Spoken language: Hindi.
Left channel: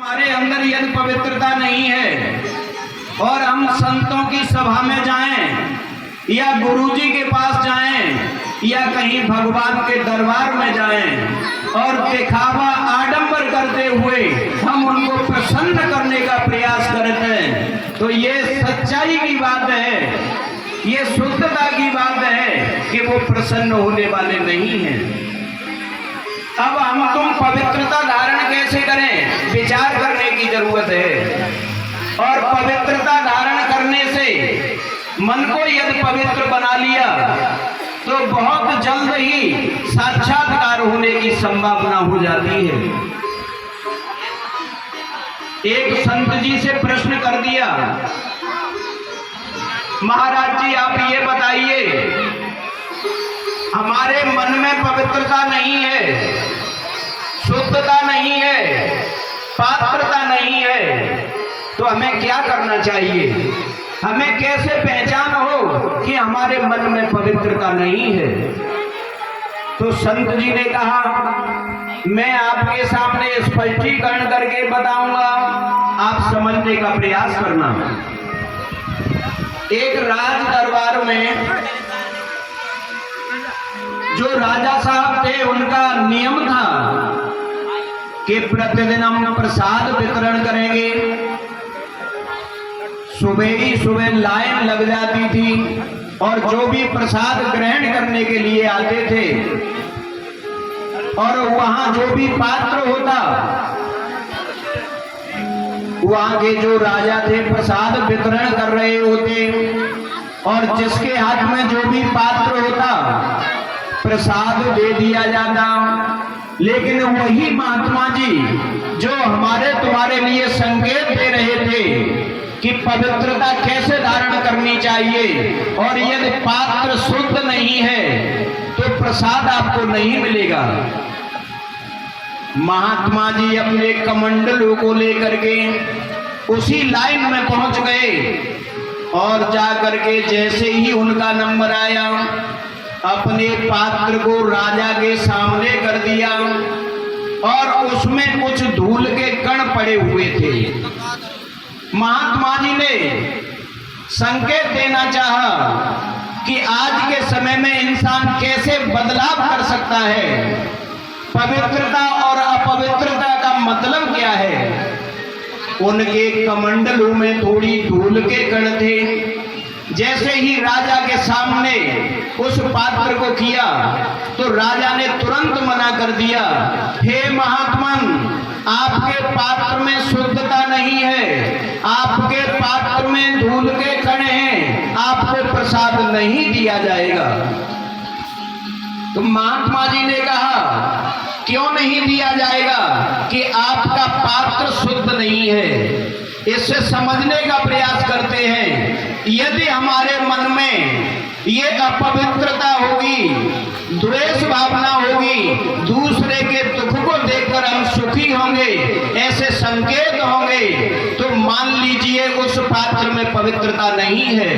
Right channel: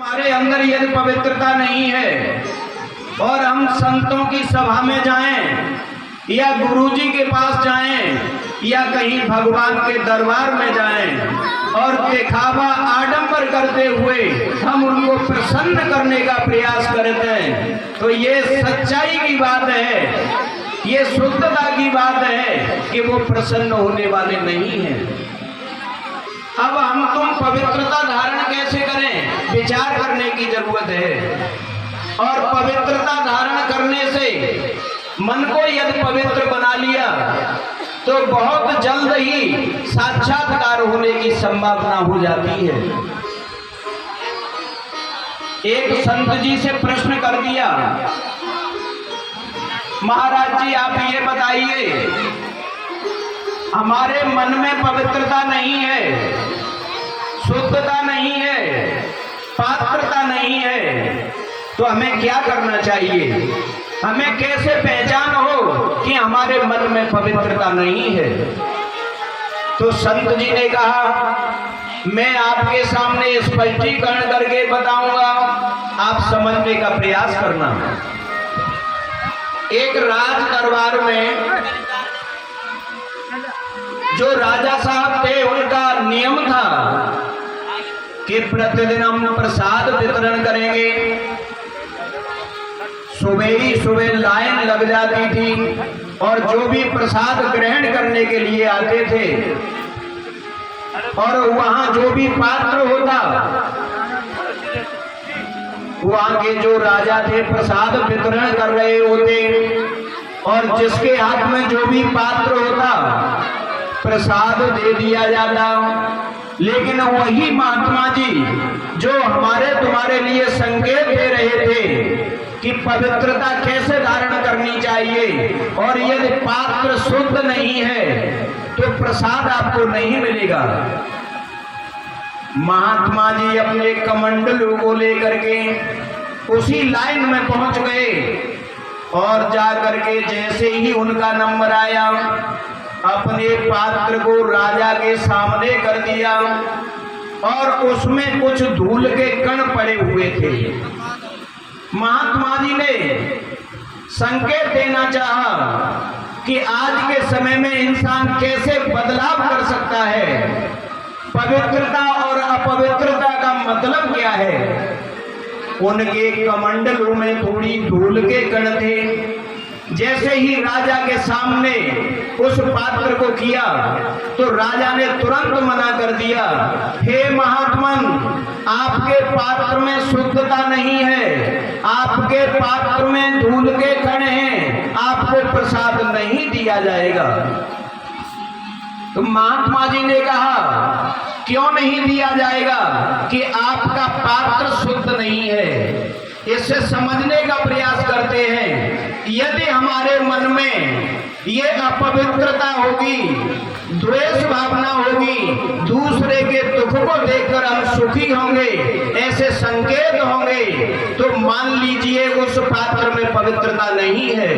हमारे अंदर यदि पवित्रता नहीं है और हम संतों की सभा में जाएं या गुरुजी के पास जाएं या कहीं भगवान के दरबार में जाएं और दिखावा आडंबर करते हुए हम उनको प्रसन्न करने का प्रयास करते हैं, तो ये सच्चाई की बात है, ये शुद्धता की बात है कि वो प्रसन्न होने वाले नहीं हैं। अब हम तुम पवित्रता धारण कैसे करें, विचार करने की जरूरत है। और पवित्रता धारण करने से मन को यदि पवित्र बना लिया तो बहुत जल्द ही साक्षात्कार होने की संभावना हो जाती है। एक संत जी से प्रश्न कर दिया, महाराज जी आप ये बताइए, हमारे मन में पवित्रता नहीं है, शुद्धता नहीं है, पात्रता नहीं है, तो हमें क्या करना चाहिए? हमें कैसे पहचान हो कि हमारे मन में पवित्रता नहीं है? तो संत जी ने कहा, मैं आपके सामने स्पष्टीकरण करके बताऊंगा, आप समझने का प्रयास करना। एक राज दरबार में जो राजा साहब थे उनका नियम था कि प्रतिदिन हम प्रसाद वितरण करेंगे। सुबह ही सुबह लाइन लग जाती थी और जो भी प्रसाद ग्रहण करने के लिए आते थे और वहां जो भी पात्र होता, वहां के जो राजा थे प्रसाद वितरण कर रहे होते और जिसके हाथ में जो भी पात्र होता प्रसाद दे दिया जाता। लेकिन वही महात्मा जी जो हमारे तुम्हारे लिए संकेत दे रहे थे कि पवित्रता कैसे धारण करनी चाहिए और यदि पात्र शुद्ध नहीं है तो प्रसाद आपको नहीं मिलेगा। महात्मा जी अपने कमंडलों को लेकर के उसी लाइन में पहुंच गए और जाकर के जैसे ही उनका नंबर आया अपने पात्र को राजा के सामने कर दिया और उसमें कुछ धूल के कण पड़े हुए थे। महात्मा जी ने संकेत देना चाहा कि आज के समय में इंसान कैसे बदलाव कर सकता है, पवित्रता और अपवित्रता का मतलब क्या है। उनके कमंडलों में थोड़ी धूल के कण थे। जैसे ही राजा के सामने उस पात्र को किया तो राजा ने तुरंत मना कर दिया, हे महात्मन, आपके पात्र में शुद्धता नहीं है, आपके पात्र में धूल के कण हैं, आपको प्रसाद नहीं दिया जाएगा। तो महात्मा जी ने कहा, क्यों नहीं दिया जाएगा? कि आपका पात्र शुद्ध नहीं है। इससे समझने का प्रयास करते हैं, यदि हमारे मन में ये अपवित्रता होगी, द्वेष भावना होगी, दूसरे के दुख को देखकर हम सुखी होंगे, ऐसे संकेत होंगे, तो मान लीजिए उस पात्र में पवित्रता नहीं है।